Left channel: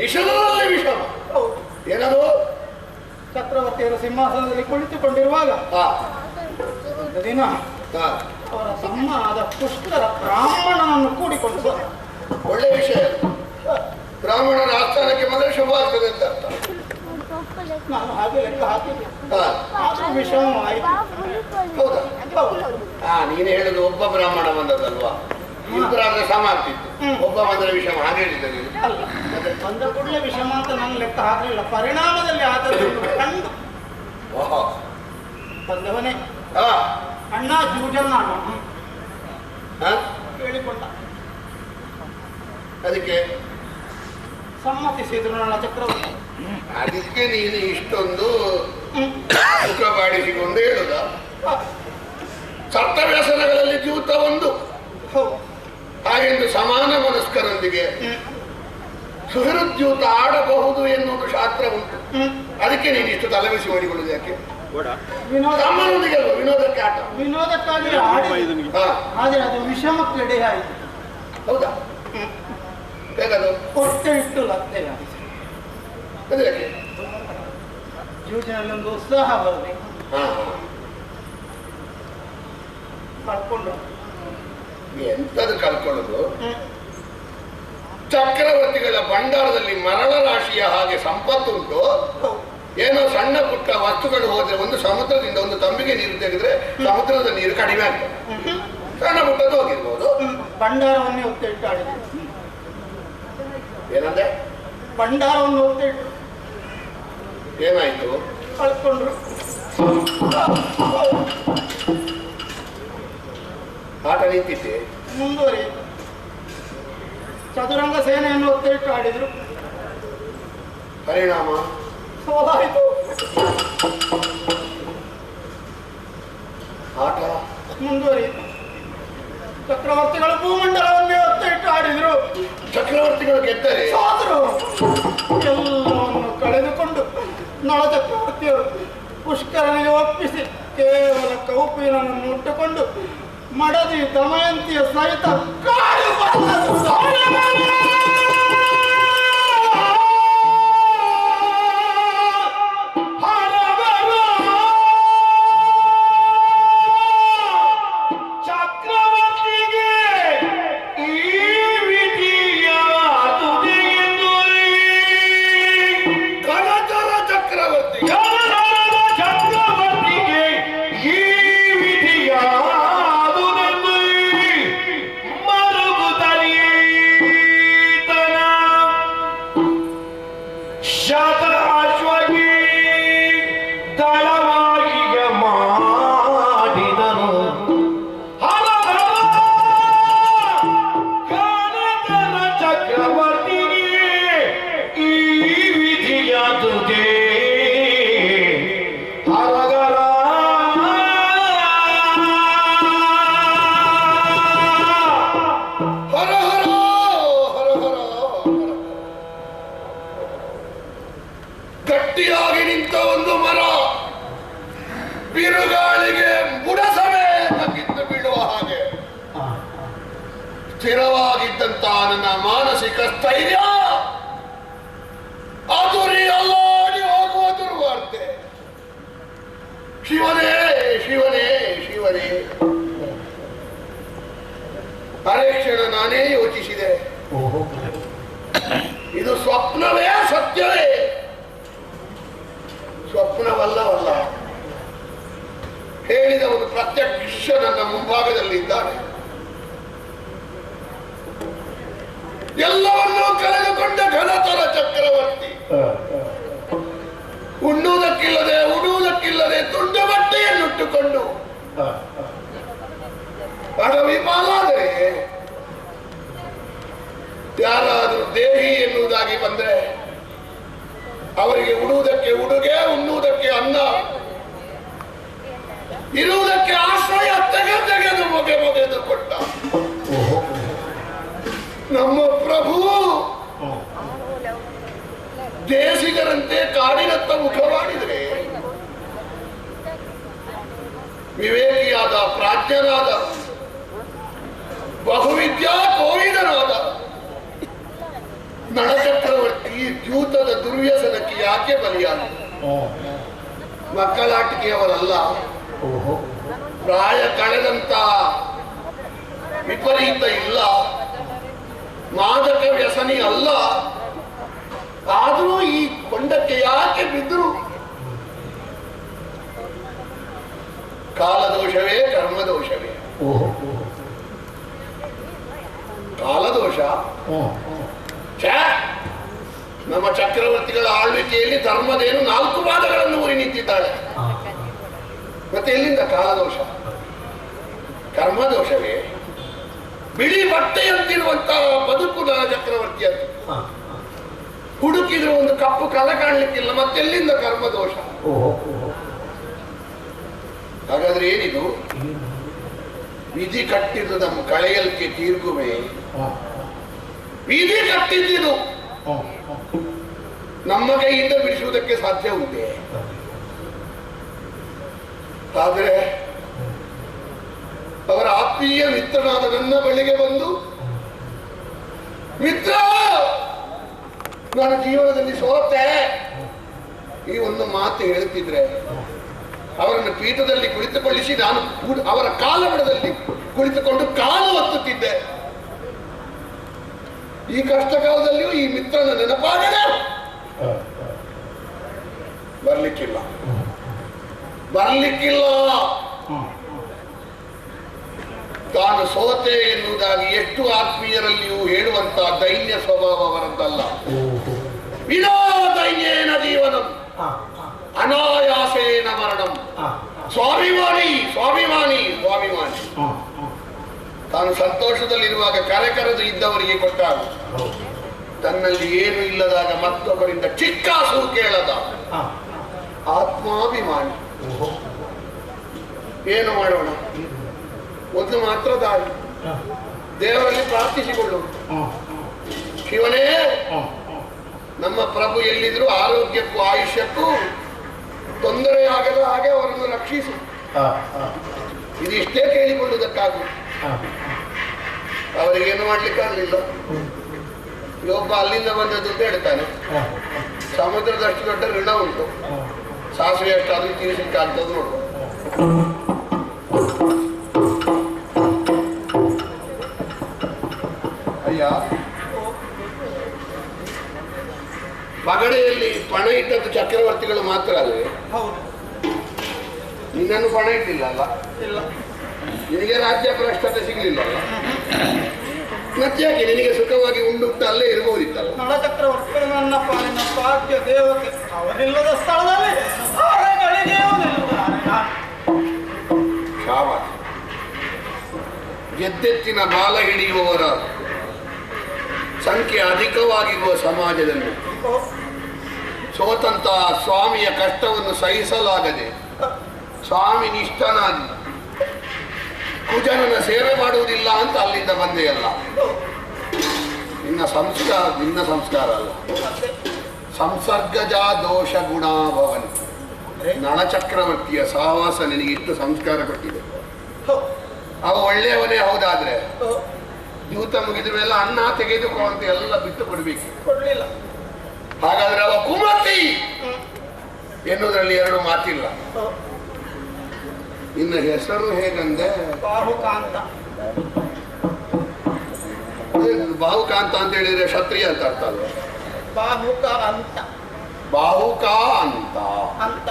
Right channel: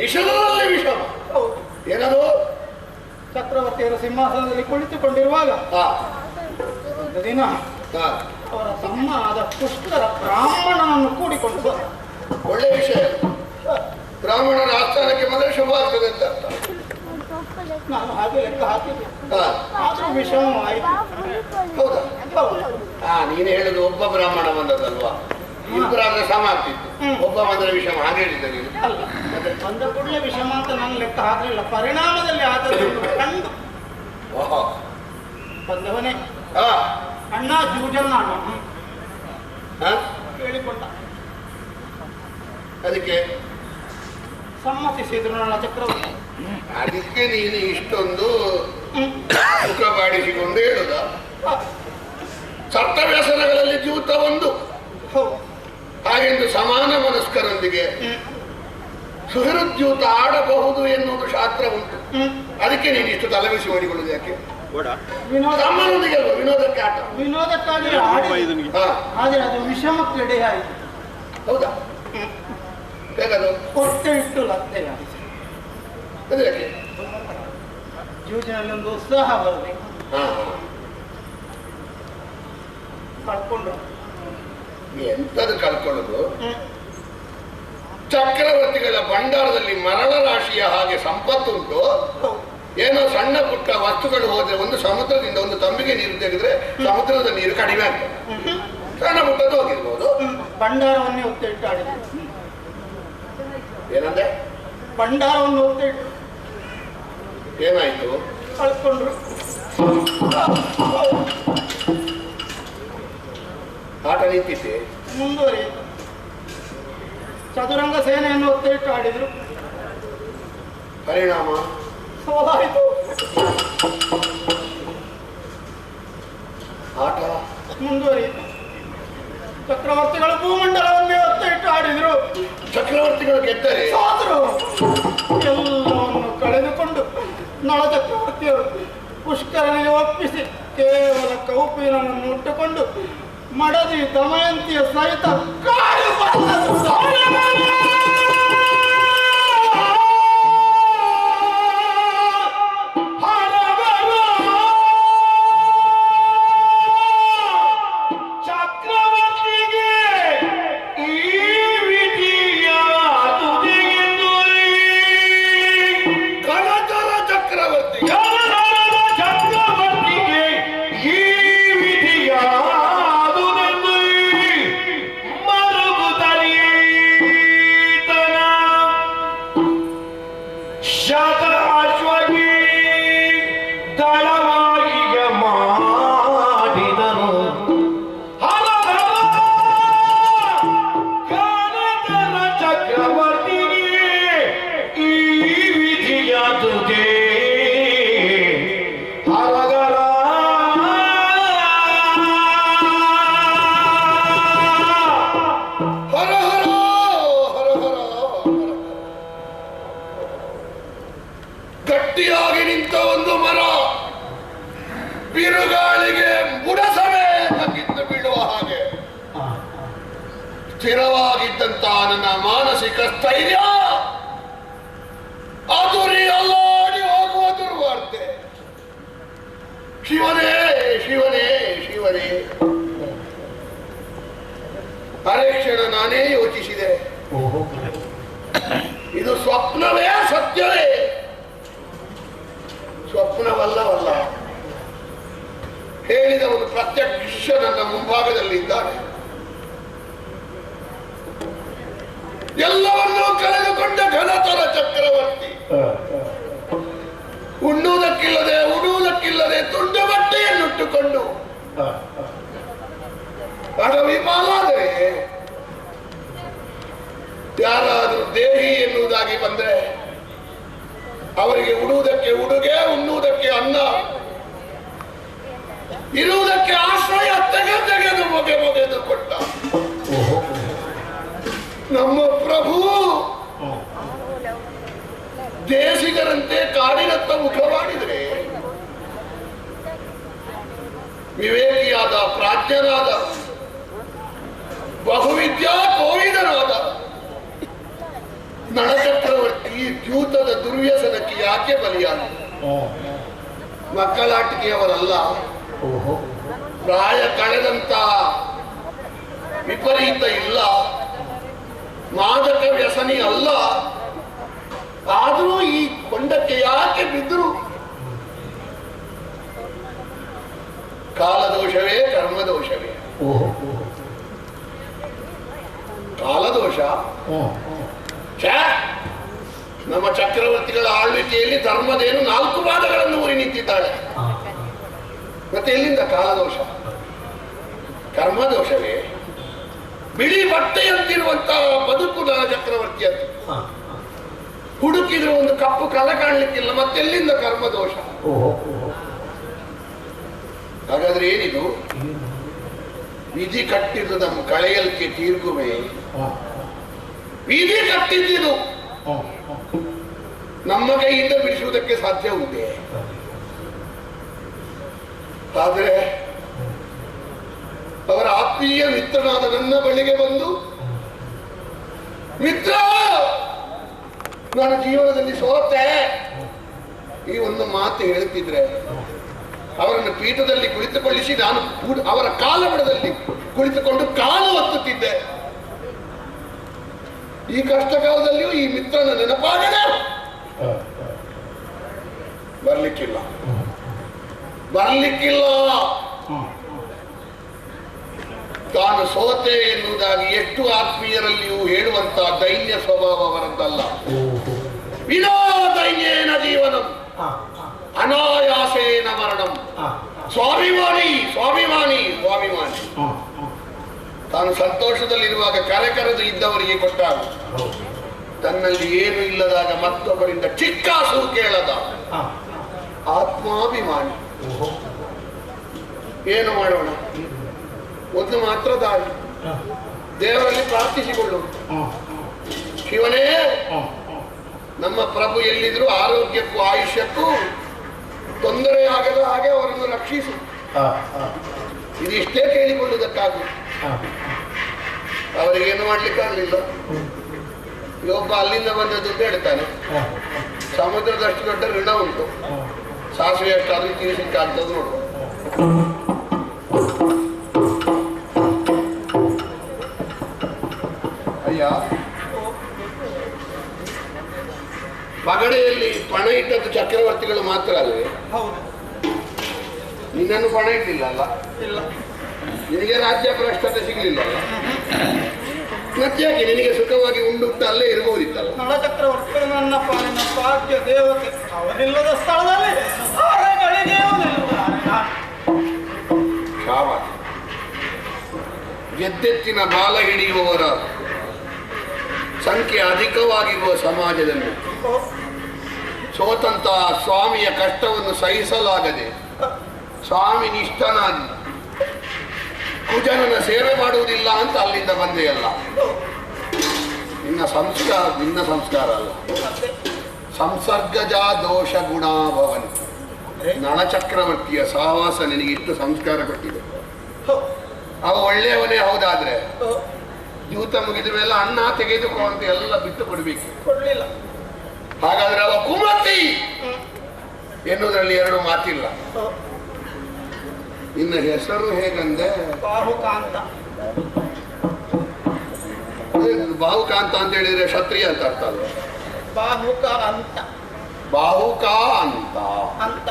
ನಿಷಧದಲ್ಲಿ ವಿಷಮ. ಏನದು? ಚಕ್ರವರ್ತಿಯರು ಸಿಂಹಾಸನದಲ್ಲಿ ಕುಳಿತುಕೊಂಡಿರುವಾಗ ಒಂದು ದಿನ ಅವರ ತಮ್ಮ ಆದ ಪುಷ್ಕರ ಬ್ರಾಹ್ಮಣನನ್ನು ಕೂಡಿಕೊಂಡು ಬಂದ. ಒಳ್ಳೆ ವಿಷಯ. ಬ್ರಾಹ್ಮಣರ ಆಸ್ಥಾನಕ್ಕೆ ಮೊದಲು ಶುಭ ಆಗ್ತದೆ ಅಂತ ಅರ್ಥ. ನಾನು ಹಾಗೆ ಲೆಕ್ಕ ಹಾಕಿದ್ದೆ, ಆದ್ರೂ ವಿಷಮವಾಯಿತು. ಹೌದಾ? ನೀನು ಹೇಳುದು ಒಬ್ಬ ಬ್ರಾಹ್ಮಣ ಬಂದದಲ್ವಾ? ಇಬ್ಬರಾದ್ರೆ ಸಮ ಆಗ್ತಿತ್ತು. ಒಬ್ಬ ಬಂದ್ರೆ ವಿಷಮ ಹಾಗೆ ಹೇಳಿದ್ದೆ ನೀನು. ಅಲ್ಲ, ಬಂದ ಕೂಡಲೇ ವಿಷಮ ಅಂತ ನಾನು ಲೆಕ್ಕ ಹಾಕಲಿಲ್ಲ. ಪರಿಣಾಮದಲ್ಲಿ ಆದದ್ದು ಕಂಡು ಬಂದವನೇ ಅಣ್ಣ ಜೂಜನ್ನ ಅಣ್ಣ ಹೇಳಿಕೊಂಡ. ಅದಕ್ಕೆ ಸಮ್ಮತಿಸಿದ್ರು ನನ್ನ ಚಕ್ರವರ್ತಿ. ಅದಕ್ಕೆ ನೀನು ಇಷ್ಟೊಂದು ಮುಖ ಬಾಡಿಸಿಕೊಂಡು ಹೇಳುದ? ಸಪ್ತ ವ್ಯಸನಗಳಲ್ಲಿ ಜೂತ ಒಂದು. ಹಾಗೆಂದು ಸಮಾನ ಮನಸ್ಕರೊಂದಿಗೆ ಸುಹೃದ್ಯೂತ ಆಡಬಹುದು ಎನ್ನುವುದು ಶಾಸ್ತ್ರ ಉಂಟು. ಅದಕ್ಕೆ ನೀನು ಇಷ್ಟು ತಲೆಬಿಸಿ ಮಾಡಿಕೊಳ್ಳುದು ಯಾಕೆ? ತಮ್ಮನೊಂದಿಗೆ ಅಲ್ವಾ ವಿನೋದಕ್ಕೆ ಆಟ? ವಿನೋದಕ್ಕಾಗಿ ಆದ್ರೆ ಅದು ವಿಷಮಕ್ಕೆಡೆ ಆಯಿತು. ಹೌದಾ? ಹೇಗದು? ಹೊಟ್ಟೆ ಇಟ್ಟು ಲತ್ತೆ ಅದು ಯಾಕೆ? ಜೂಜಿನಲ್ಲಿ ಒಂದು ಉತ್ಸಾಹ ಬರಬೇಕು. ಕಳ್ಕೊಂಡು ಎಂತದು ಕಳ್ಕೊಳ್ಳೋದು? ಚಕ್ರವರ್ತಿಗಳ ಭಂಡಾರದಲ್ಲಿ ಮರಳ ರಾಶಿಯ ಹಾಗೆ ಸಂಪತ್ತುಂಟು. ಏನೋ ಸಣ್ಣ ಪುಟ್ಟ ವಸ್ತುಗಳು ಹೋದ್ರೆ ಒಂದು ಸಮುದ್ರದಿಂದ ಒಂದು ತಂಬಿಗೆ ನೀರು ತೆಗೆದ್ರೆ ಸಮುದ್ರದ ನೀರು ಕಡಿಮೆ ಆಗ್ತದೆ. ಸಣ್ಣ ಪುಟ್ಟದ್ದು ಹೋಗಿರ್ಬೋದು. ಭಂಡಾರವನ್ನೇ ಒತ್ತೆ ಇಟ್ಟು ಆಡಿದೆ. ಏನಂದ್ರೆ? ಭಂಡಾರವನ್ನು ಒತ್ತೆ ಇಟ್ಟು ಏನಾಯ್ತು? ಕಳ್ಕೊಂಡ್ರು. ಆಟ ನಿಂತಿದ್ದೆ. ಮುಂದುವರಿಯಿತು. ಚದುರಂಗ ಸೇನೆಯನ್ನು ಒತ್ತೆ ಇಟ್ಟು ಆಡಿದ್ರು. ಪರಿಣಾಮ ಸೋಲಾಯಿತು. ಆಟ ಮುಂದುವರಿಯಿತು. ಚಕ್ರವರ್ತಿಗಳು ಭೂಮಂಡಲವನ್ನೇ ಒತ್ತೆ ಇಟ್ಟು ಆಡಿದ್ರು. ಚಕ್ರವರ್ತಿಗಳು ಗೆದ್ದರೆ ಸೋದರು. ಎಲ್ಲವನ್ನು ಕಳೆದುಕೊಂಡು ನಳ ಚಕ್ರವರ್ತಿಯರು ಪುಷ್ಕರನಿಗೆ ಒಪ್ಪಿಸಿ ಕೇವಲ ಕೌಪೀನನ್ನು ಉಟ್ಟುಕೊಂಡು ಮಡದಿ ದಮಯಂತಿಯ ಸಹಿತ ಕಾಡು ಗಟ್ಟಿಯಾಗಿ ನಿಂತ ಒಂದು ಮರ ಬಿರುಗಾಳಿಗೆ ಬುಡಸಮೇತ ಬಿದ್ದು ಬೀಳುವ ಹಾಗೆ ಸ್ಥಿರವಾಗಿದ್ದಂತ ನನ್ನ ಮಾನಸಿಕ ಸ್ಥೈರ್ಯ ಅದುರಿ ಅಲ್ಲಾಡಿ ಹೋಗುವ ದುರ್ವಾರ್ತೆ. ಶಿವನೇ ಶಿವನೇ ಶಿವನೇ, ಅರೆ ಕ್ಷಣ ನಾನೇ ಯೋಚಿಸಿದೆ, ಇದು ಸ್ವಪ್ನವೇ ಸತ್ಯವೇ? ಸ್ವಪ್ನವಲ್ಲವಲ್ಲ, ಹೇಳಿದವನು ಪ್ರತ್ಯಕ್ಷ ನನ್ನ ಮುಂಭಾಗದಲ್ಲಿ ಇದ್ದಾನೆ. ಎಲ್ಲವನ್ನೂ ಕಳೆದುಕೊಂಡ ಘನತರ ಚಕ್ರವರ್ತಿ, ಉಣ್ಣುವುದಕ್ಕಿಲ್ಲದೆ ಉಡುವುದಕ್ಕಿಲ್ಲದೆ ತುಂಡು ಬಟ್ಟೆಯನ್ನುಟ್ಟುಕೊಂಡು ಅಡವಿ ಪಾಲಾದರೆ ಯಾರಾದರೂ ದೇಹಿ ಎನ್ನುವುದಾಗಿ ಬಂದರೆ ಅವರಿಗೆ ಉಡುವುದಕ್ಕೆ ಉಡುಗೆ, ಉಣ್ಣುವುದಕ್ಕೆ ಅನ್ನ, ಇರುವುದಕ್ಕೆ ಆಶ್ರಯ ತೆಗೆದು ಮೊಗೆದು ಕೊಟ್ಟ ನಮ್ಮ ಪ್ರಭು ದೇಶಿಗರಂತೆ ಕಾಡಿನತ್ತ ಮುಖ ಮಾಡಿದರೆ ವಿವೇಕಿಯಾದ, ಪ್ರಾಜ್ಞನಾದ, ಬಹುವಿದ್ಯಾ ಕೋವಿದನಾದ ನಳಚಕ್ರವರ್ತಿ ದ್ಯೂತದ ದುರ್ವ್ಯಸನಕ್ಕೆ ಯಾಕೆ ಬಲಿಯಾದ? ಮಕ್ಕಳಾಟಿಕೆಯವರಲ್ಲ, ಪ್ರಾಯ ಕಳೆದಂತ ವಿಪರೀತ ಇಲ್ಲ, ಮಾದಕ ವ್ಯಸನಿ ಅಲ್ಲ. ಆದರೂ ಈ ಕೊಂಡಕ್ಕೆ ಯಾಕೆ ಬಿದ್ದರು? ಕಾಲದೋಷವೇ, ಕರ್ಮದೋಷವೇ? ಕಾಲದೋಷ. ನಮ್ಮ ಚಕ್ರವರ್ತಿಗಳ ಆಳ್ವಿಕೆಯಲ್ಲಿ ಧರ್ಮದೇನು 4 ವಾದಗಳನ್ನು ಊರಿ ನಿಂತಿದ್ದಾಳೆ. ಮತ್ತೆ ಎಲ್ಲಿಂದ ಕಾಲದೋಷ? ಕರ್ಮದೋಷವೇ? ಬಿಳಿ ಬಟ್ಟೆಯಂತಿರುವಂತಹ ಬದುಕು ನನ್ನ ಚಕ್ರವರ್ತಿಯದ್ದು. ಹುಡುಕಿದ್ರೆ ಒಂದು ಕಪ್ಪು ಕಲ ಕಾಣಲಿಕ್ಕಿಲ್ಲ, ಮತ್ತೆಲ್ಲಿಂದ ಕರ್ಮದೋಷ? ಹಾಗಾದ್ರೆ ಏನಿದು? ವಿಧಿ ಕಟ್ಟಿದ್ದು ನಮ್ಮ ಕಳೆಯಲಿಕ್ಕೆ ತೀರ್ಗುವೆ. ವಿಧಿ ಕಟ್ಟಿದ್ದು ನಮ್ಮ ಕೈಯಿಂದ ಬಿಡಿಸುವುದಕ್ಕೆ ಸಾಧ್ಯ ಉಂಟೆ? ಆದರೆ ಅವರ ಆತ್ಮೀಯ ಮಿತ್ರನಾದ ನನ್ನ ಬಳಿಗೆ ಬಂದು, ಮಿತ್ರ, ನಾನು ಜೀವನದಲ್ಲಿ ಸೋತೆ, ಈ ಒಂದು ಮಾತು ಹೇಳುತ್ತಿದ್ರೆ ಅವರನ್ನು ಪೀಠದಲ್ಲಿ ಕುಳಿತುಕೊಳ್ಳಿಸಿ ನಾನು ಅವರ ಕಾಲಬುಡದಲ್ಲಿ ಕುಳಿತುಕೊಂಡು ಕಾಲು ಒತ್ತುತ್ತಿದ್ದೆ. ಈ ಕಷ್ಟ ಕಾಲದಲ್ಲಿಯೂ ಈ ಮಿತ್ರನ ನೆನಪಾಗದೆ ಬರ್ಲಿಕ್ಕಿಲ್ಲ. ತಾನು ಸೋತೆ ಎನ್ನುವುದಾಗಿ ಎಷ್ಟು ಆತ್ಮೀಯರಲ್ಲಿಯೂ ಹೇಳುವಂತಹ ದೈನ್ಯ ಸ್ವಭಾವ ಅವರದ್ದಲ್ಲ. ವಿನೋ ದೈನ್ಯೇನ ಜೀವನಂ ಅನಾಯಾಸೇನ ಮರಣಂ. ಸ್ವಾಭಿಮಾನಿ ಸ್ವಾಭಿಮಾನಿ ಸ್ವಾಭಿಮಾನಿ. ತಾನು ಸಂತೋಷದಲ್ಲಿರುವಾಗ ಕರೆಕರೆದು ಇದ್ದವರಿಗೆ ಕೊಟ್ಟಾಗ, ತನ್ನಲ್ಲಿ ಏನು ಇಲ್ಲದಾಗ ಮತ್ತೊಬ್ಬರಿಂದ ಚಿಕ್ಕಾಸು ಕೇಳದ ಆತ್ಮಾಭಿಮಾನಿ. ಏನು ಮಾಡೋಣ? ಒಂದು ಮಾತ್ರ ದಾರಿ, ದೇವರಲ್ಲಿ ಪ್ರಾರ್ಥಿಸಿಕೊಳ್ಳುವುದು. ಶಿವನೇ, ನಮ್ಮ ಪ್ರಭು ಎಲ್ಲಿದ್ರು ಆರೋಗ್ಯಕ್ಕೂ ಆಯುಷ್ಯಕ್ಕೂ ತೊಂದರೆಯಾಗದ ಹಾಗೆ ಅವರನ್ನು ರಕ್ಷಿಸು. ಇದಿಷ್ಟೇ ಕೇಳಿಕೊಳ್ಳುವುದಕ್ಕಾಗ ಅವರಿಗೇನು ಮಾಡ್ಲಿಕ್ಕಾಗಲಿಲ್ಲ. ಒಬ್ಬ ಅಲ್ಲಿಂದ ಬಂದದ್ದು ಅಂತ ಹೇಳ್ತಾನೆ, ಸಮುದ್ರದಷ್ಟು ದೊಡ್ಡ ಋಣ ಉಂಟು, ಸಾಸಿವೆ ಅಷ್ಟಾದ್ರೂ ತೀರಿಸಲಿಕ್ಕಾಗ್ತದೆ ನೋಡುವ. ಅಯ್ಯ, ಪಗಡೆಯಲ್ಲಿ ಪಣ ಇಟ್ಟದ್ದು ಚಕ್ರವರ್ತಿಗಳು ಮಾತ್ರ ಅಲ್ಲವೇ? ನಿನ್ನನ್ನು ಪಣ ಇಟ್ಟಿಲ್ಲ ಅಲ್ಲ? ನಿನಗೆ ರಾಜ್ಯ ಭ್ರಷ್ಟತೆ ಸಿಗಲಿಲ್ಲಲ್ಲ? ಮತ್ತ್ಯಾಕೆ ನಿನಗೆ ಸುಖವಾಗಿ ಉಂಡುತ್ತ ಅಲ್ಲೇ ಇರಬಹುದಿತ್ತಲ್ಲ? ನಳ ಚಕ್ರವರ್ತಿಗಳು ನನ್ನ ಪಾಲಿನ ಭಾಗ್ಯ ದೇವತೆ. ಅವರಿಲ್ಲದ ಸ್ಥಳದಲ್ಲಿ ಗೆದ್ದೆತ್ತಿನ ಬಾಲ ಹಿಡಿಯುವವರ ಸಂಖ್ಯೆ ಅಧಿಕವಾಗಿರುವ ಸಮಾಜದಲ್ಲಿ ಸೋತಂತಹ ಸ್ವಾಮಿಯ ಕಷ್ಟವನ್ನು ಸಹಿಸಲಾಗದೆ ಸ್ವಾಮಿ ನಿಷ್ಠನಾಗಿ ಕುಜನನ ಸೇವೆ ಮಾಡುವುದಿಲ್ಲ ಅಂತ ಅಲ್ಲಿಂದ ಬಂದೆಯಲ್ಲ. ನಿನ್ನ ಸಂಸ್ಕಾರ ಅಲ್ಲ, ಸಂಸರ್ಗಜ ದೋಷ ಗುಣಾಭವನ್. ನಳ ಚಕ್ರವರ್ತಿಯ ಸಹವಾಸ ನಿನಗೆ ಇಷ್ಟು ಸಂಸ್ಕಾರ ಕೊಟ್ಟಿದೆ. ಅವ ಒಳ್ಳೆಯವನೇ ಹೌದಾದ್ರೆ ದ್ಯೂತ ಮುಗಿದ ಮೇಲೆ ಅನ್ನ ತೆಗೆದುಕೋ ಅಂತ ಎಲ್ಲ ಬಿಟ್ಟು ಕೊಡ್ಬೇಕು. ಕೊಡ್ಲಿಲ್ಲ. ಹಾಗಾದ್ರೆ ಅವ ಕುಮತಿ ಎನ್ನುವುದರಲ್ಲಿ ಎರಡು ಮಾತಿಲ್ಲ. ಇನ್ನು ಹೆಸರು ಹೇಗಂದೆ? ಬಾಹುಕಾಂತ. ಬಾಹುಕಾಂತ ಅಂತ ಹೇಳಿದ್ರೆ ಕ್ಷತ್ರಿಯ ಅಂತ ಅರ್ಥ ಅಲ್ವ? ಬಾಹುಕ ಅಂತ. ಬಾಹುಕ ಅಂತ ಅಂತ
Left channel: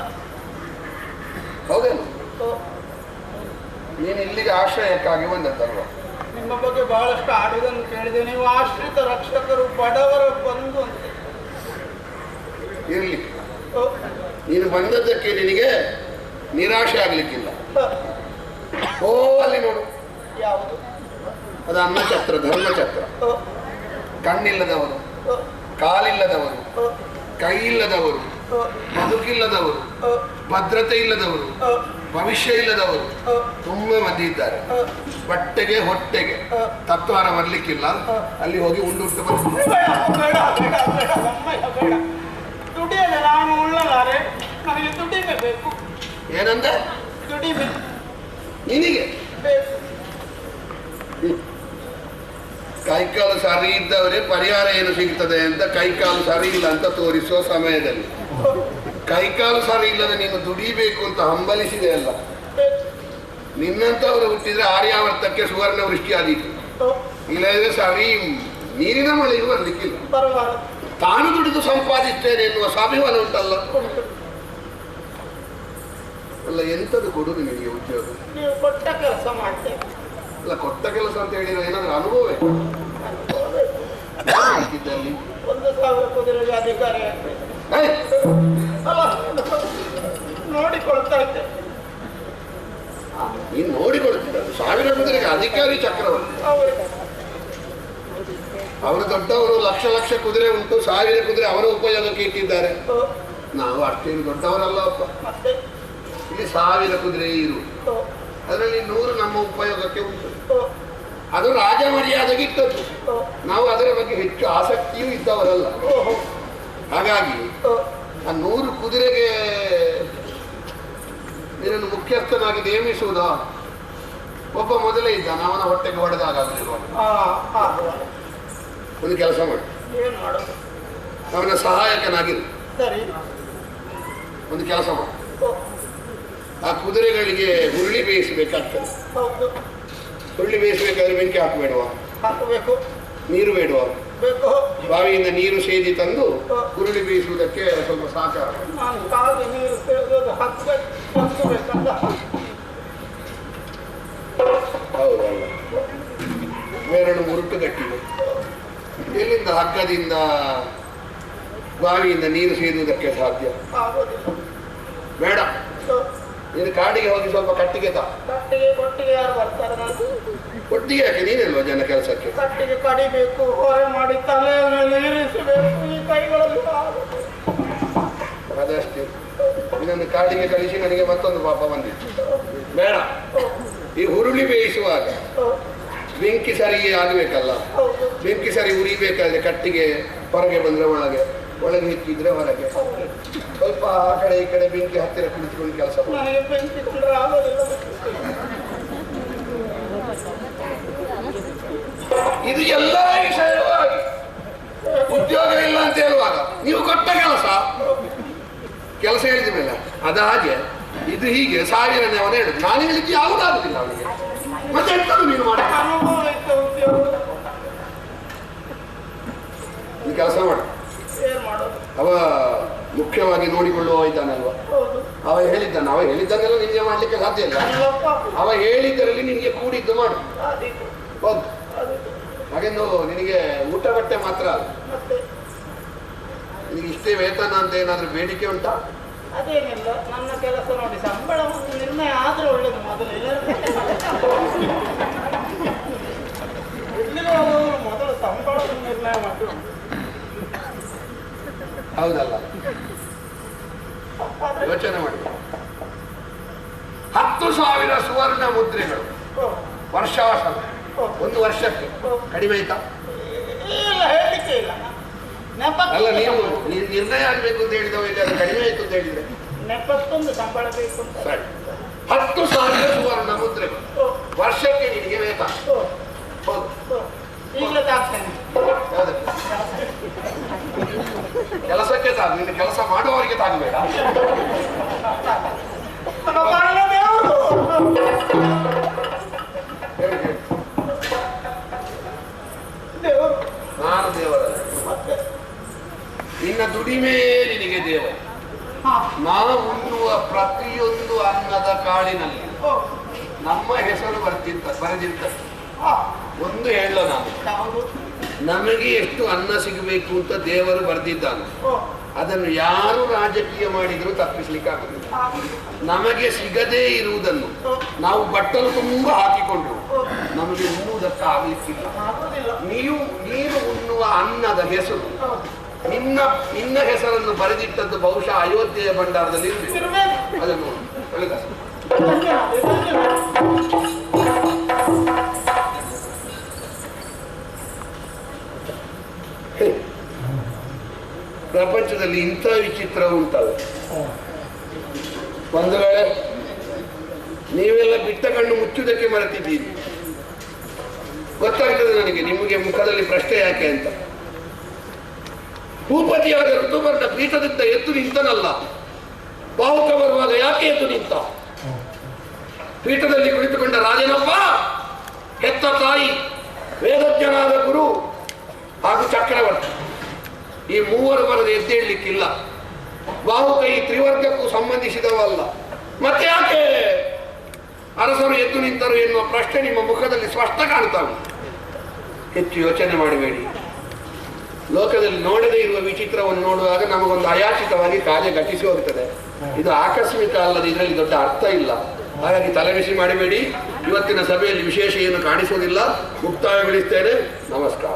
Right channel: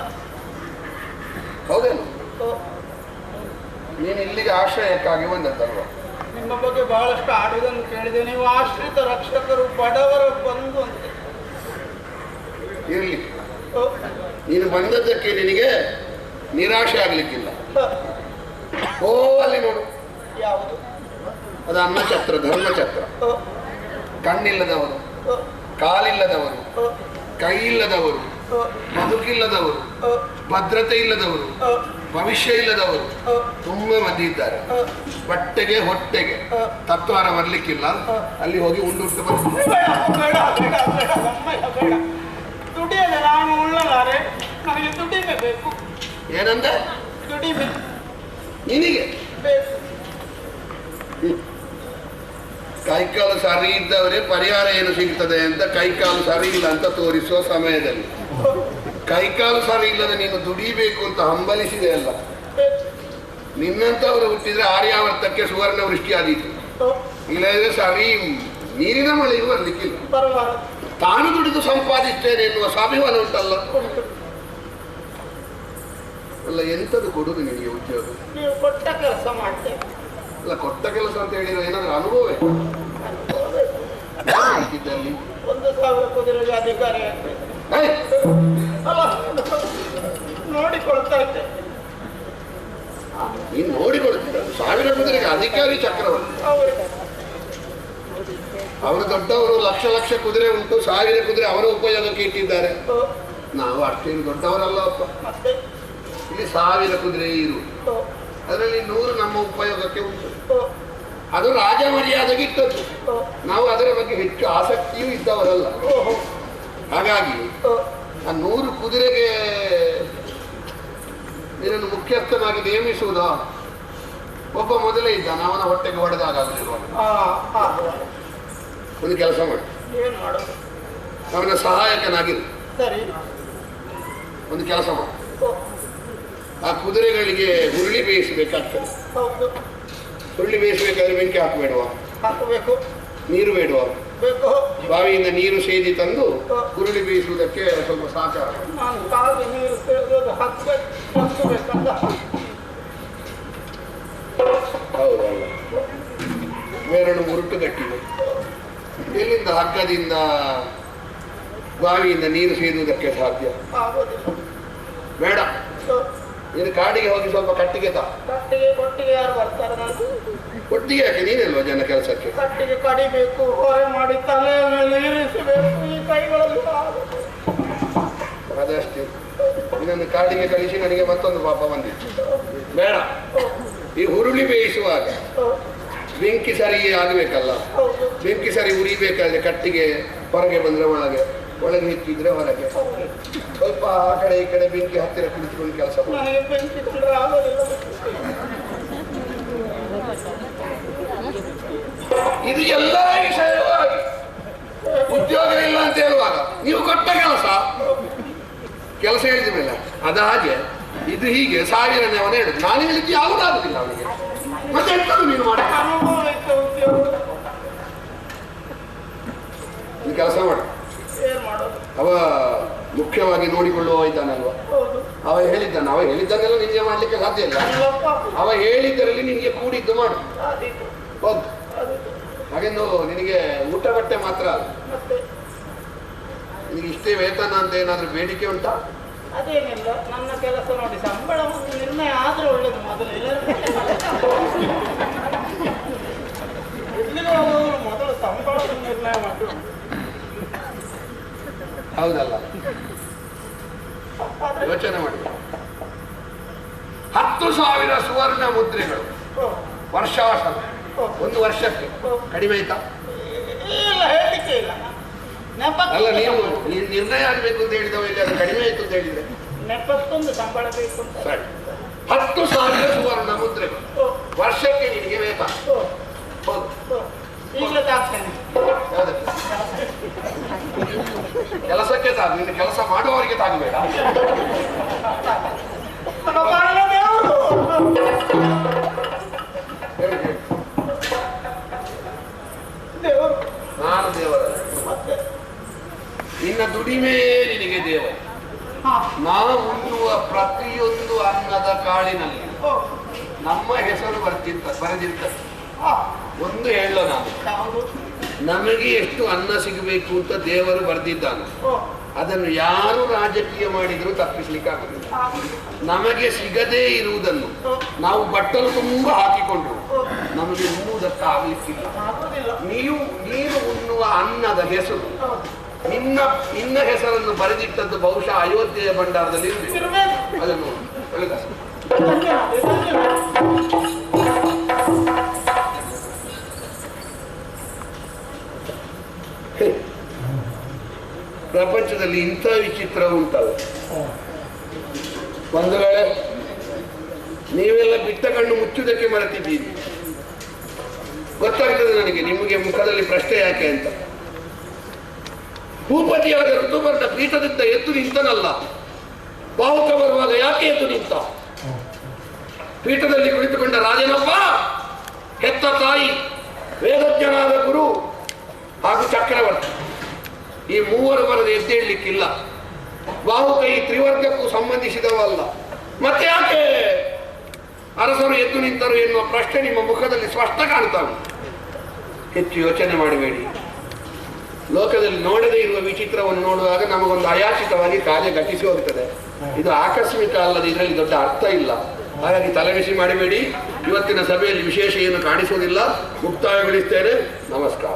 ಹೌದೇನು? ನೀನು ಇಲ್ಲಿಗೆ ಆಶ್ರಯಕ್ಕಾಗಿ ಬಂದದ್ದಲ್ವ? ನಿಮ್ಮ ಬಗ್ಗೆ ಬಹಳಷ್ಟು ಆಡುವುದನ್ನು ಕೇಳಿದೆ. ನೀವು ಆಶ್ರಿತ ರಕ್ಷಕರು, ಬಡವರ ಬಂಧು ಅಂತ. ಇರ್ಲಿ, ನೀನು ಬಂದದ್ದಕ್ಕೆ ನಿನಗೆ ನಿರಾಶೆ ಆಗ್ಲಿಕ್ಕಿಲ್ಲ. ಓ ಅಲ್ಲಿ ನೋಡು, ಯಾವುದು? ಅದು ಅನ್ನಛತ್ರ, ಧರ್ಮಛತ್ರ. ಕಣ್ಣಿಲ್ಲದವರು, ಕಾಲಿಲ್ಲದವರು, ಕೈ ಇಲ್ಲದವರು, ಬದುಕಿಲ್ಲದವರು, ಭದ್ರತೆ ಇಲ್ಲದವರು, ಭವಿಷ್ಯ ಇಲ್ಲದವರು ತುಂಬಾ ಮಂದಿ ಇದ್ದಾರೆ. ಬಟ್ಟೆಗೆ ಹೊಟ್ಟೆಗೆ ತತ್ವಾರ ಬರ್ಲಿಕ್ಕಿಲ್ಲ. ಅಲ್ಲಿ ಹೋಗಿ ಉಂಡುಟ್ಟು ಬರ್ತೀನಿ. ದುಡಿಯಲ್ಲ, ನಾನು ಉಳ್ಳಲಾರೆ. ನನಗೆ ದುಡಿಬೇಕು. ಏನಂದ? ದುಡಿಬೇಕು ನಿನಗೆ ಬೇಕು. ಕೈಕಾಲು ಸರಿ ಇದ್ದವರೇ ಪರಿಹಾರ ಏನು ಸಿಗ್ತದೆ ಅಂತ ಕೈಕಾಲು ಸರಿ ಇಲ್ಲ ಅಂತ ತೋರಿಸುವ ಸಮಯದಲ್ಲಿ ಕೈಕಾಲು ಸರಿ ಇಲ್ಲದೆ ನೀನು ದುಡಿಬೇಕು ಅಂತ ಹಂಬಲಿಸಿದೆ ಅಲ್ಲ. ನಿನ್ನಂತವರು ಹುಟ್ಟಿದ್ರೆ ಆರ್ಯಾವರ್ತಕ್ಕೆ ಸುವರ್ಣ ವೃಷ್ಟಿ ಆದೀತು. ಇಲ್ಲದ್ರೆ ಸರಿ ನೀರಿನ ಮಳೆಯೂ ಬರ್ಲಿಕ್ಕಿಲ್ಲ. ತಾನು ದುಡಿದು ಸಂಪಾದಿಸ್ತೇನೆ ಎನ್ನುವ ಸ್ವಾಭಿಮಾನ ಉಂಟಲ್ಲ. ಅಲ್ಲ, ಎಂತದ್ದು ಕೊಡುದು ನಿಮಗೆ ಉದ್ಯೋಗ? ನೀವು ಕೊಟ್ಟ ಕೆಲಸ ಮಾಡ್ತೇವೆ. ಅಲ್ಲ, ಕೊಟ್ಟ ಕೆಲಸ ಅಂತ ಹೇಳಿದ್ರೆ ಏನಾದ್ರೂ ಅನುಭವ ಹಾಕಿದ್ದಲ್ಲಿ 1,000 ಕುದುರೆಗೆ ಅಧಿಕಾರಿ ಆಗ್ತದೆ. ಅಲ್ಲ, ನೋಡಿಕೊಳ್ತಾ ಇದ್ದೆ. ನೀನು ನೋಡಿಕೊಳ್ತಿದ್ದ 1000 ಕುದುರೆಗೆ ಅಧಿಕಾರಿ ಚಕ್ರವರ್ತಿ. ಅವರು ದೊಡ್ಡವರು, ಲಕ್ಷ ಲಕ್ಷ ಕುದುರೆ ಉಂಟು, 1000 ಕುದುರೆ ಅವರ ಉಪಯೋಗಕ್ಕೆ ಇಟ್ಟಿದ್ದಾರೆ. ನಾವು ಅಷ್ಟೇನು ದೊಡ್ಡವರಲ್ಲಪ್ಪ. ಇಲ್ಲಿ 1000 ಕುದುರೆ ಇರು, ಅದರಲ್ಲಿ 100 ನಮ್ಮ ಉಪಯೋಗಕ್ಕೆ ಉಂಟು. ಅದು ರಾಜ ಮರ್ಯಾದೆಗೆ ಇಟ್ಟದ್ದು. ನಾವು ಅದರ ಬಗ್ಗೆ ಹೆಚ್ಚು ಆಸಕ್ತಿಯೂ ಇದ್ದವರಲ್ಲ. ಹಾಗಾಗಿ ಆ 100 ಕುದುರೆಗೆ ಇದನ್ನು ಮುಖ್ಯಸ್ಥನಾಗಿ ನೇಮಿಸುವುದ ಒಬ್ಬ ಮೊದಲೇ ಇದ್ದಾನೆ, ಅವನ ಹೊಟ್ಟೆಗೆ ಹೊಡೆದಾಗಲಿರುವ. ಒಂದು ಕೆಲಸ ಮಾಡಿ, ಅವನ ಸಹಾಯಕನಾಗಿರು. ಒಂದು ಕೆಲಸ ಮಾಡಿ, ಆ ಕುದುರೆಗಳಿಗೆ ಹುರುಳಿ ಬೇಯಿಸಬೇಕಾಗ್ತದೆ. ಹುರುಳಿ ಬೇಯಿಸಬೇಕಾದ್ರೆ ಬೆಂಕಿ ಹಾಕಬೇಡುವ? ಹಾಕಬೇಕು. ನೀರು ಬೇಡುವ? ಬಾವಿಯಿಂದ ನೀರು ಸೇದಿ ತಂದು ಹುರುಳಿ ಬೇಯಿಸುವುದಕ್ಕೆ ಸ್ವಲ್ಪ ಸಹಕಾರ. ಹೌದಲ್ಲ, ಬೇರೆರಡು ಮುರುಟು ಗಟ್ಟಿದೆ. ಎಲ್ಲಿಂದ ಹಗ್ಗದಿಂದ ಬಾವಿಯಿಂದ ನೀರು ಸೇದುವುದಕ್ಕೆ ಸಾಧ್ಯ? ಬೇಡ, ನೀನು ಕಾಡಿಗೆ ಹೋಗಿ ಸ್ವಲ್ಪ ಕಟ್ಟಿಗೆ ತಾ. ಕೊಟ್ಟಿಗೆ ಯಾರು ಬರ್ತಾರೆ? ಕೊಟ್ಟಿಗೆ ಯಾಕೆ? ನೀನಲ್ವಾ ಜನ ಕೆಲಸಕ್ಕೆ? ಕಟ್ಟಿಗೆ ಕಡಿಬೇಕು, ಹೊರೆ ಮಾಡಿ ತಲೆ ಇರಿಸಬೇಕು, ಈ ಕೈಗಳಲ್ಲಿ ಅದಷ್ಟೇ. ಇದನ್ನು ಕಾಡಿಗೆ ಕಳಿಸಿ ನನಗೆ ಮತ್ತೊಂದು ಪಾಪ ಬಂದಿತ್ತು. ಬೇಡ, ಈ ಹುರುಳಿ ಬೇಯಿಸುವಾಗ ಬೆಂಕಿ ಸರಿಗೆ ಆಗಬೇಕಲ್ಲ. ಬೆಂಕಿ ಸರಿ ಉರಿಬೇಕಾದ್ರೆ ಕಟ್ಟಿಗೆ ಹೊರಗೆ ಬಂದ್ರೆ ಒಳಗೆ, ಒಳಗೆ ಹಿಕ್ಕಿದ್ರೆ ಹೊರಗೆ. ಸ್ವಲ್ಪ ಆ ಕಡೆ ಈ ಕಡೆ ಬೆಂಕಿ ಹತ್ತಿರ ಕುಳಿತುಕೊಂಡು ಕೆಲಸ ಇದು ಎಲ್ಲ ವಿಷಯವಾಗಿ ಉದ್ಯೋಗ ಇಲ್ಲ ಅಂತ ಹೇಳುವಾಗ ನೀವು ಕೊಟ್ಟ ಕೆಲಸ ಹೇಳಿದ ಮೇಲೆ ಅದ ಹಾಗೆ ಇದು ಹೀಗೆ 1000ನೇ ಅವನು ಹೇಳುದು. ನಾನು ಹೇಳಿದ್ದು ಯಾವುದಾಗುದಿಲ್ಲ ಅವನಿಗೆ. ಮತ್ತೆ ಎಂತದ್ದು ನೀನು ಮಾಡಿ ನೀವು ಕೆಲಸ ಮಾಡು. ಅವ ಮುಖ್ಯವಾಗಿ ನೋಡಿಕೊಳ್ಳುವ ಇದ್ದಾನಲ್ವಾ? ಅವ ಹೇಳಿದ್ದನ್ನೆಲ್ಲ ನಿನಗೆ ಮಾಡ್ಲಿಕ್ಕೆ ಸಾಧ್ಯ ಇಲ್ಲ. ಅವ ಹೇಳಿದ್ದರಲ್ಲಿ ನಿನಗೆ ಕೂಡಿದ್ದು ಮಾಡು. ಹೌದು, ಹಾಗೆಂದು ನಿನಗೆ ಊಟ ಬಟ್ಟೆ ಮಾತ್ರ ಅಲ್ಲ, ನಿನಗೆ ಇಷ್ಟೇ ವೇತನ ಅಂತ ಏನಾದ್ರೂ ಬೇಡಿಕೆ ಉಂಟಾ? ಅದೇನಿಲ್ಲ, ನನ್ನ ಕೆಲಸ ನೋಡಿ ಸಂಬಳ ನಿರ್ಣಯ ಆದ್ರೆ ಒಳ್ಳೇದು. ಮೊದಲು ಎಲ್ಲಿಗೂ ಮೊದಲು ಸಂಬಳ ನಿರ್ಣಯ ಮಾಡಿ. ಹೌದಲ್ಲ, ಯೋಚನೆ ಮಾಡಿ. 10,000 ಸುವರ್ಣ ಮುದ್ರೆಗಳು ವರ್ಷಾಸನ, ಒಂದು ವರ್ಷಕ್ಕೆ ಕಡಿಮೆ ಆಯ್ತಾ? ಹೇಳಿಕೆ ಇಲ್ಲ. ಅಲ್ಲ, ನೀವು ನಿರ್ಣಯ ಆಗ್ಬೇಕು ಅಂತ ಹೇಳಿದವ ಇಲ್ಲಿ ಅದು ಕಡಿಮೆ ಆಯ್ತು ಅಂತ ಹೇಳಿದ್ರೆ ನೆಪಕ್ಕೊಂದು ಸಂಬಳ ಬೇಕು. ಸರಿ, 10,000 ಸುವರ್ಣ ಮುದ್ರೆಗಳು ವರ್ಷಕ್ಕೆ ನಿನಗೆ ವೇತನ. ಈಗಲೇ ತಾಗ್ತೇನೆ. ಕೆಲಸಕ್ಕೆ ತಾಗ, ನಿನ್ನ ಕೆಲಸ ಮಾಡುವವರಿಗೆ ತಾಗಬೇಡ. ನಾನು ದೇವರಲ್ಲ, ನಿನ್ನ ದುಡಿಮೆ ನಿನಗೆ ದೇವ. ನಾವು ಉಣ್ಣುವ ಪ್ರತಿಯೊಂದು ಅನ್ನದ ಕಾಳಿನಲ್ಲಿ ನಮ್ಮ ಹೆಸರು ಬರೆದಿರ್ತದೆ. ಒಂದು ಹೇಳ, ನಾನು ನಮಗೆ ಎಷ್ಟು ಅನ್ನ ಸಿಗಬೇಕು ಅಂತ ದೇವರು ಬರೆದಿದ್ದಾನೆ. ಅದನ್ನು ಯಾರು ರಾಜಕೀಯ ಮಾಡಿದ್ರು ತಪ್ಪಿಸ್ಲಿಕ್ಕೆ ಆಗುದಿಲ್ಲ. ನಮಗೆ ಸಿಗದೇ ಇರುವುದನ್ನು ನಾವು ಬಟ್ಟಲು ತುಂಬ ಹಾಕಿಕೊಂಡ್ರು ನಮಗೆ ಉಣ್ಣುವುದಕ್ಕೆ ಆಗಲಿಕ್ಕಿಲ್ಲ. ನೀನು ಉಣ್ಣುವ ಅನ್ನದ ಹೆಸರು, ನಿನ್ನ ಹೆಸರನ್ನು ಬರೆದಿಟ್ಟದ್ದು ಬಹುಶಃ ಅಯೋಧ್ಯೆಯ ಭಂಡಾರದಲ್ಲಿ ಅದನ್ನು ಒಳ್ಳೆದ. ಪ್ರಪಂಚದಲ್ಲಿ ಇಂಥ ವಿಚಿತ್ರ ಉಂಟಲ್ಲ. ಒಂದು ವೇಳೆ ನೀವೆಲ್ಲ ಬಿಟ್ಟ ಕಣ್ಣು ಮುಚ್ಚುವುದಕ್ಕೆ ಮರೆತಿದ್ದೀರಿ. ಗೊತ್ತಾಗ್ತದೆ ನನಗೆ ನಿಮಗೆ ಮುಖದಲ್ಲಿ ಪ್ರಶ್ನೆ ಯಾಕೆ ಅಂತ. ಭೂಪತಿಯಾದ ಋತುಪರ್ಣ ಪೀಠದಿಂದ ಎದ್ದು ನಿಂತನಲ್ಲ, ಬಾಹುಕ ಬರುವಾಗ ಯಾಕೆ ಎದ್ದು ನಿಂತ? ಪೀಠದಲ್ಲಿ ಕುಳಿತುಕೊಂಡ ರಾಜನಪ್ಪ, ಹೆತ್ತ ತಾಯಿ, ವೇದಜ್ಞನಾದ ಗುರು ಹಾಗೂ ಚಕ್ರವರ್ತಿ, ಈ ಮೂವರು ಬರದ ಎದ್ದೇಳಲಿಕ್ಕಿಲ್ಲ. ಬಾಹುಕ ಈ ತ್ರಿವರ್ಗಕ್ಕೂ ಸಂಬಂಧಿಸಿದವಲ್ಲ. ಮತ್ತೆ ಯಾಕೆ ಅರಸರು ಎದ್ದು ನಿಂತರು ಎನ್ನುವ ಪ್ರಶ್ನೆ ನಿಮ್ಮ ಮುಖದಲ್ಲಿ ಸ್ಪಷ್ಟ ಕಾಣ್ತಾವೆ. ಹೆಚ್ಚು ಯೋಚನೆ ಮಾಡಬೇಡಿ. ಲೋಕದಲ್ಲಿ ನೋಡದೇ ಇರುವ ವಿಚಿತ್ರವನ್ನು ನೋಡುವಾಗ ನಮಗೊಂದು ಅಯಾಚಿತವಾಗಿ ಕಾರ್ಯ ಘಟಿಸಿ ಹೋಗ್ತದೆ. ಇದು ಆಕಸ್ಮಿಕ ಅಲ್ಲದೆ ಇದರಲ್ಲಿ ದೊಡ್ಡ ಅರ್ಥ ಇಲ್ಲ. ಹಾಗಾಗಿ ತಲೆಬಿಸಿ ಮಾಡಬೇಡಿ. ಇವತ್ತಿನ ಸಭೆಯಲ್ಲಿ ವಿಶೇಷ ಏನು ಕಾಣಿಸುವುದಿಲ್ಲ. ಮುಕ್ತಾಯಗೊಳಿಸ್ತೇನೆ. ನಮಸ್ಕಾರ.